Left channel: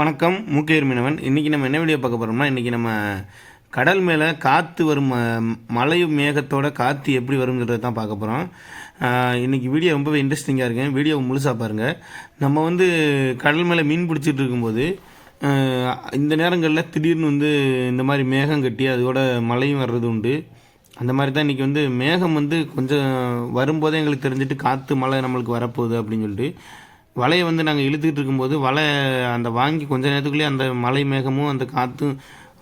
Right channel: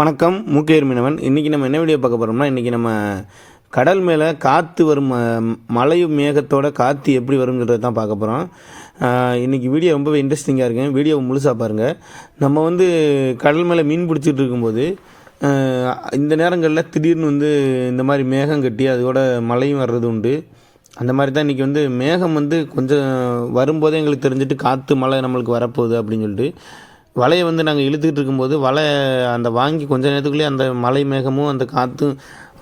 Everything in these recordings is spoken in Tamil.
வணக்கம். மூக்கையர் மீனவன். இன்றைக்கி நம்ம என்ன வீடியோ பார்க்க போகிறோம்னா, இன்றைக்கி நம்ம கடல் மேலே காற்று வரும், மழையும் மேகத்தோட காற்று எப்படி வருங்கிறத தான் பார்க்க போகிறோம். இன்றைக்கி வீடியோ ரொம்பவே இன்ட்ரெஸ்டிங்காக இருக்குங்க. வீடியோவை முழுசாக பாருங்கள். நம்ம கடல் மேலே மீன் பிடிச்சிட்டு இருக்கும்போது இந்த நேரங்களில் திடீர்னு இந்த மாதிரி மேகம் கட்டி அதோட மழையும் வர்றது உண்டு. அந்த மாதிரி தான் இன்றைக்கி மேகம் கொஞ்சம் வரும்போதே எங்களுக்கு தெரிஞ்சுட்டு காற்று மழை நம்மளுக்கு வரப்போகுது அப்படின்னு சொல்லிட்டு வலையை நாங்கள் இழுத்துக்கிட்டு இருக்கும்போது அந்த வாங்கி கொஞ்ச நேரத்துக்குள்ளேயே அந்த மலை மேகமும் அந்த காற்றும்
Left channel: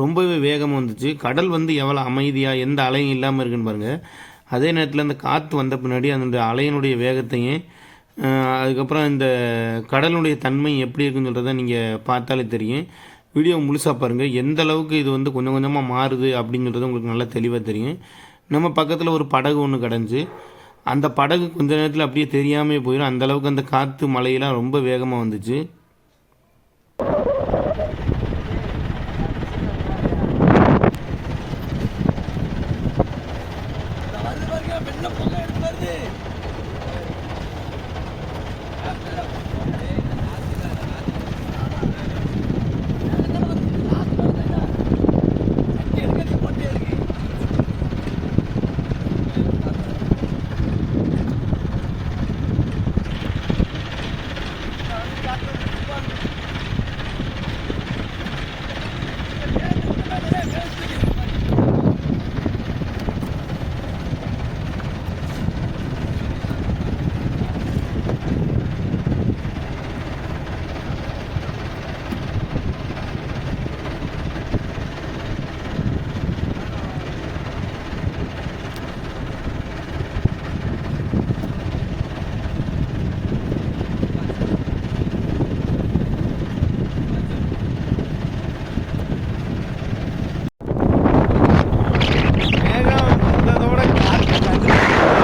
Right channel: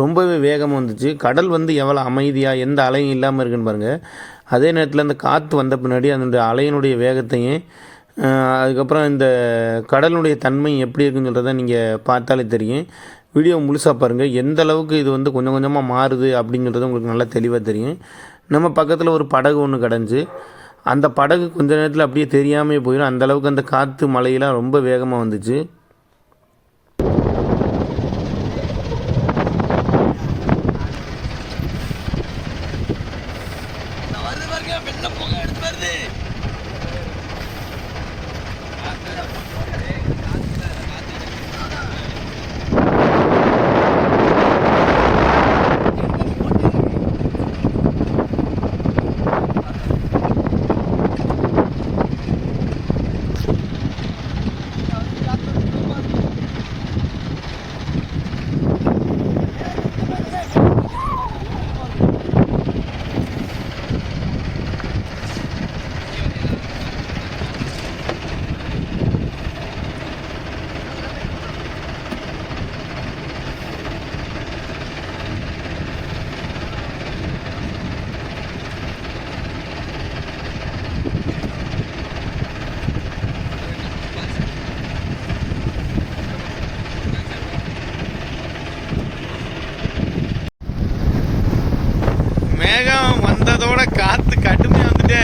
ரொம்பவே வேகமாக வந்துச்சு. கடல் எவ்வளோ அமைதியாக எந்த அலையும் இல்லாமல் இருக்குன்னு பாருங்கள். அதே நேரத்தில் அந்த காற்று வந்த பின்னாடி அந்த அலையினுடைய வேகத்தையும் அதுக்கப்புறம் இந்த கடலுடைய தன்மை எப்படி இருக்குன்னு சொல்கிறத நீங்கள் பார்த்தாலே தெரியும். வீடியோ முழுசாக பாருங்கள். எந்த அளவுக்கு இது கொஞ்சம் கொஞ்சமாக மாறுது அப்படிங்கிறது உங்களுக்கு நல்லா தெளிவாக தெரியும். நம்ம பக்கத்தில் ஒரு படகு ஒன்று கிடஞ்சி அந்த படகு கொஞ்ச நேரத்தில் அப்படியே தெரியாமே போயிடும். அந்தளவுக்கு அந்த காற்று மழையெல்லாம் ரொம்ப வேகமாக வந்துச்சு. அதோட காத்து கட்டுப்படுத்து.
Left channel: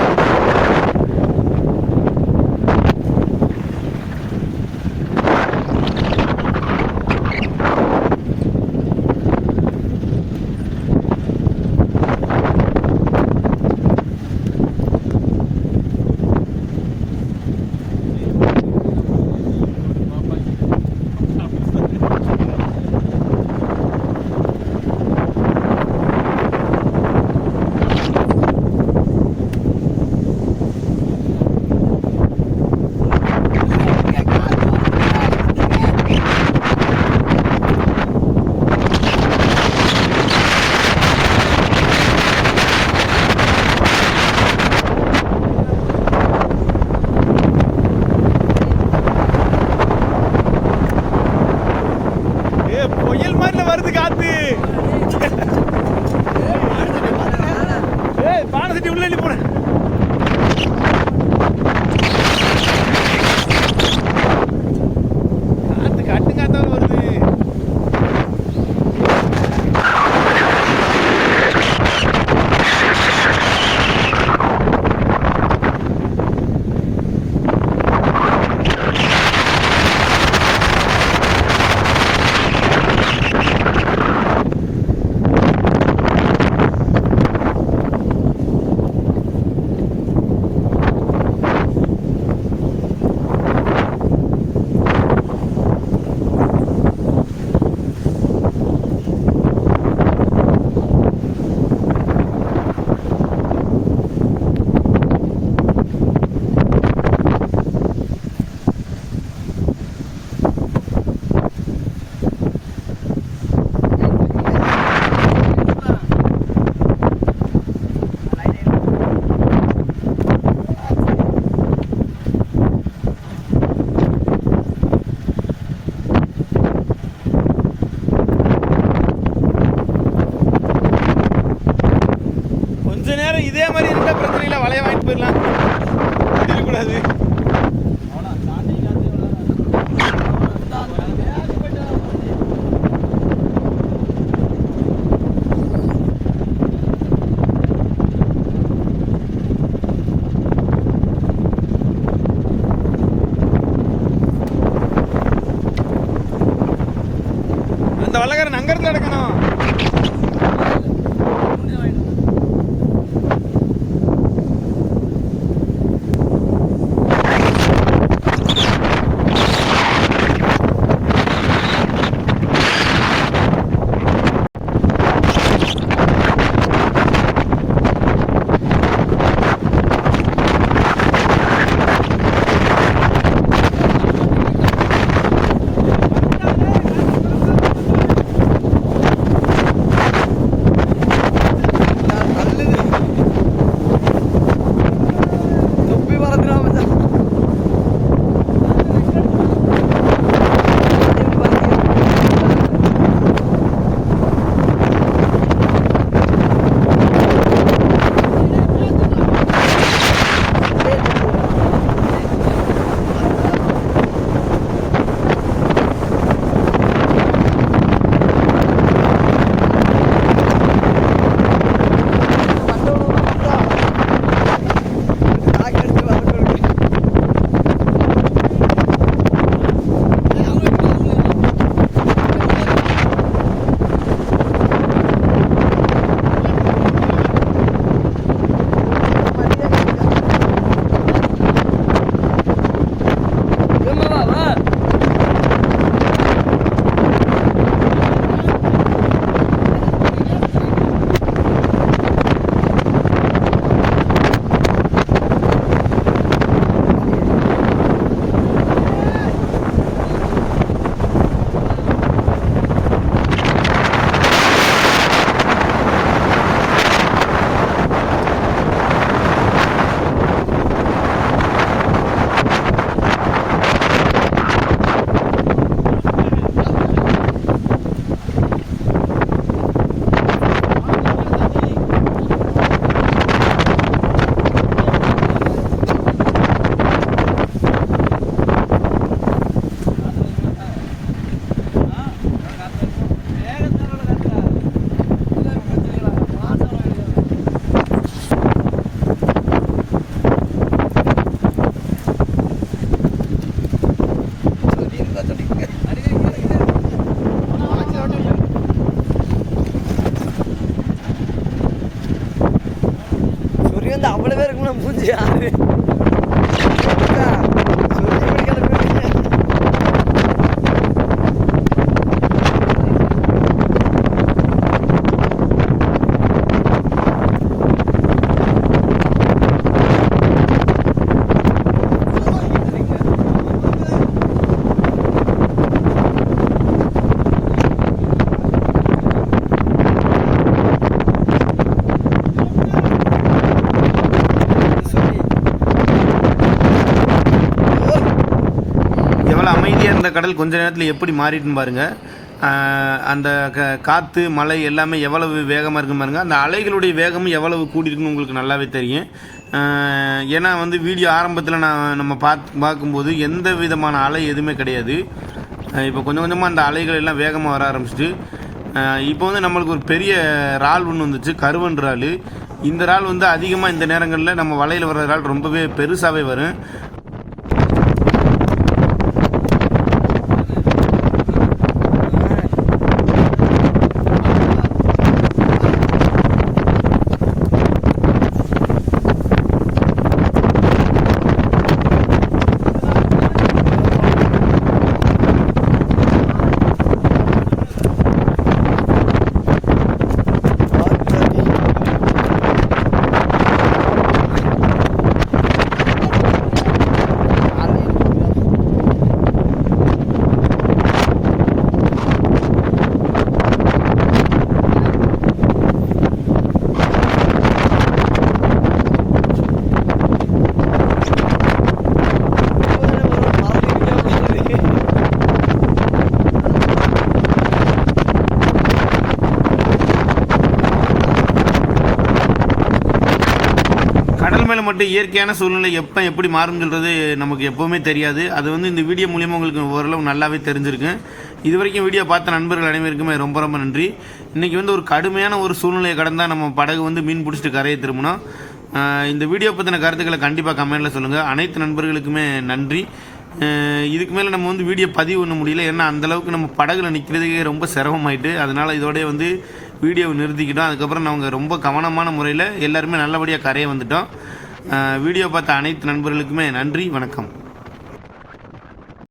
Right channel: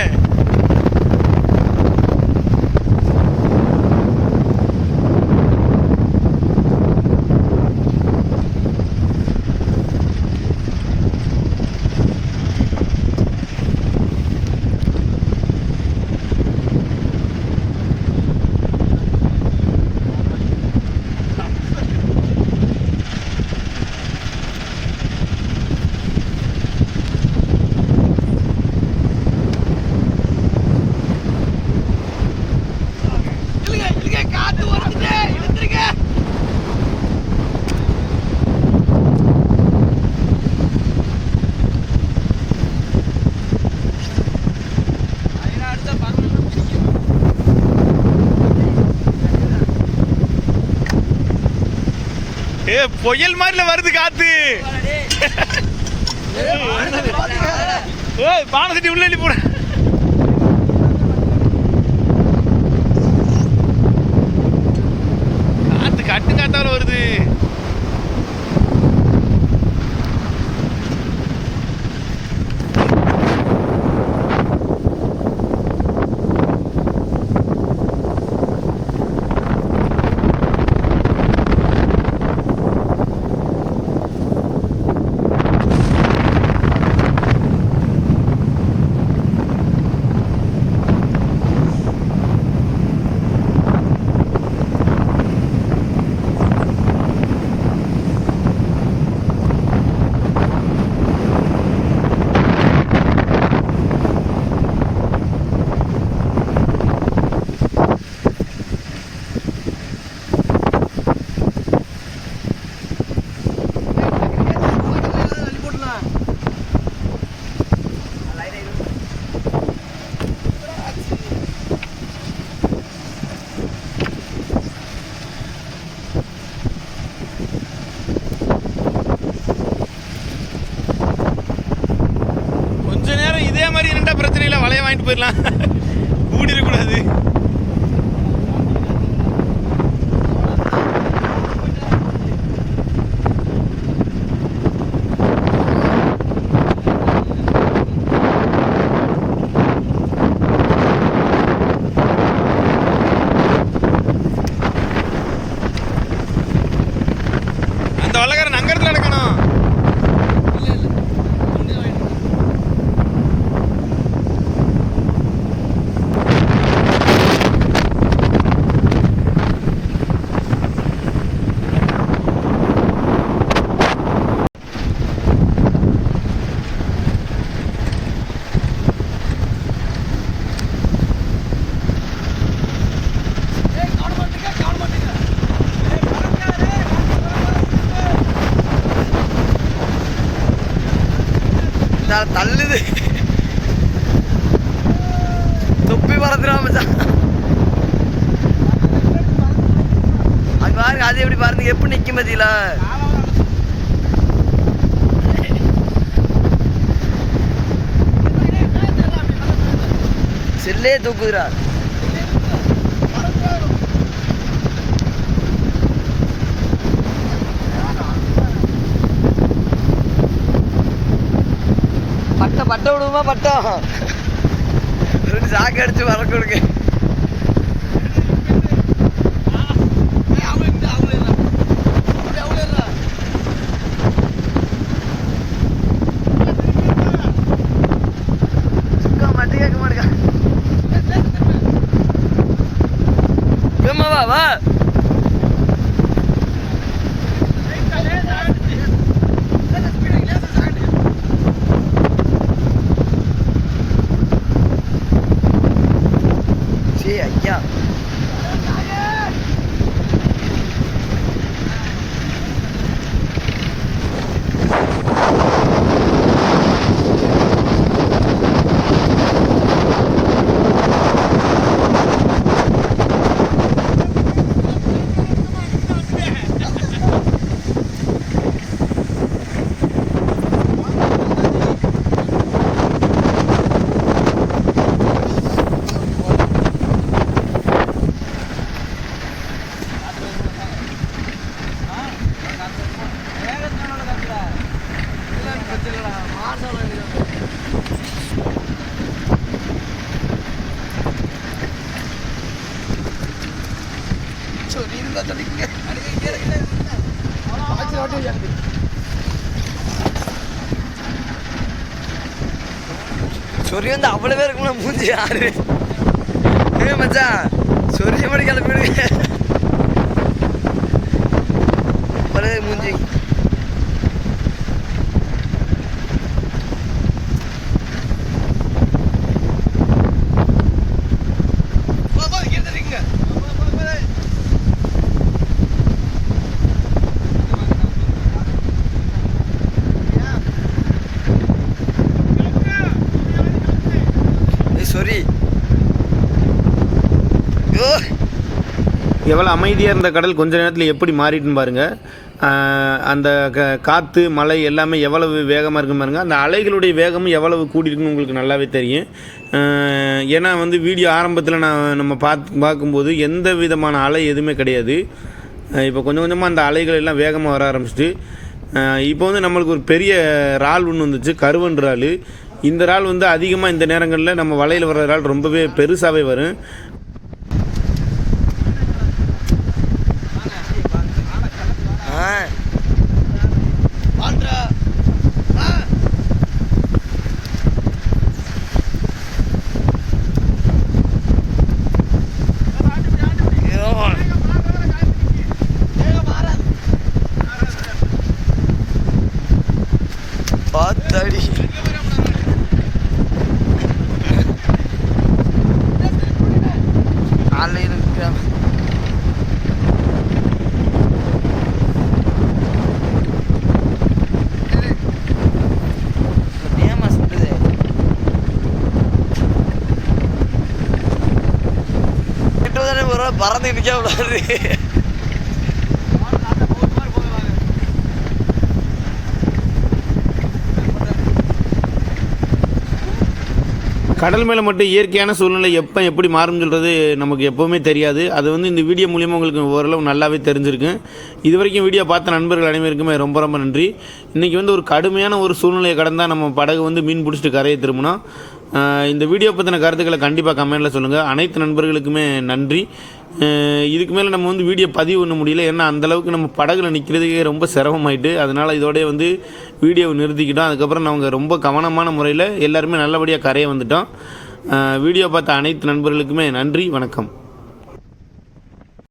புயல் மாதிரில வருது காத்து. பானசட்டி உள்ள போற காத்து கட்டு காத்தால வருது. இதே மாதிரி இருந்தா பிரச்சனை இல்லை, வலையை வாங்கிட்டு போயிடலாம். கூடிடக்கூடாது. அந்த வல்லக்காரன் அங்கடத்துல எடுக்கணும். கடல்லே தூக்குதுடா. பட்டை விடுவோமா பட்டம் சாக்கு அடிச்சு வர கொடுங்க. வா சொறி வந்து அவ்வளோ பேர் இருக்கும்ல மூஞ்சி யாரு மச்சான் சொரிய மாதிரி கிளப்பிடுவீங்க அவ்வளோ மூஞ்சி. எவ்வளோ அமைதியாக இருந்த கடல் கொஞ்ச நேரத்தில் எப்படி மாறிட்டுன்னு பாருங்கள். அந்த காற்று மழை எல்லாமே எவ்வளவு வேகமாக இருக்குன்னு பாருங்கள். அந்த அலைகளுடைய வேகமும் எவ்வளவு கூடியிருக்குன்னு உங்களுக்கு நல்லாவே தெரியும். ஏன்னா வந்து வீடியோ ஆரம்பத்தில் நம்ம பார்க்கும்போது எந்த விதமான அலை எதுவுமே கிடையாது. இப்போ கொஞ்சம் கொஞ்சமாக அந்த அலைகள் எல்லாம் வேகமாக வர ஆரம்பிச்சிட்டு இப்போ வந்து நம்மளுக்கு ஒரு பெரிய இறால் ஒன்று வந்துச்சு, கருவன் இறால். இந்த இறால் வந்து அதிகமாக இந்த நேரங்களில் நம்ம வலையில் வர்ற இறால் ரொம்பவே பெருசாகவே வரும். கடல் மேலே மட்டும் இயற்கையான சூழ்நிலை எப்போ எப்படி மாறும்னு சொல்கிறது நமக்கு எப்போவுமே தெரியாது. அது வந்து இந்த வீடியோ மூலியமாக உங்களுக்கு ஓரளவு நல்லாவே தெரிஞ்சிருக்கு. இது வரைக்கும் வீடியோ பார்த்த நண்பர்கள் அனைவருக்குமே ரொம்ப ரொம்ப நன்றி. இன்றைக்கி வந்து ஒரு கடுமையான ஒரு சூழ்நிலையை கடந்தால் நம்ம படகு வந்து மீன் பிடிச்சிட்டு கரையை திரும்பணும். இந்த வீடியோ பற்றின கருத்துக்களை கண்டிப்பாக கமெண்ட்டில் சொல்லுங்கள். அனைத்து நண்பர்களுக்குமே நன்றி. இதுக்கு மேலே நம்ம வந்து வீடியோ பதிவு பண்ண முடியல, ஏன்னா அந்தளவுக்கு நம்ம படகுல நிற்கிறதுக்கே ரொம்ப சிரமமாயிட்டு. அதனால் இதோடய வந்து வீடியோவை நிறுத்திக்கிட்டோம். அதுக்கப்புறம் நாங்கள் ரொம்ப கவனமான முறையில் எல்லாருமே நல்லபடியாக கரையை வந்துட்டோம். வீடியோ பார்த்த அனைத்து நண்பர்களுக்குமே நன்றி, வணக்கம்.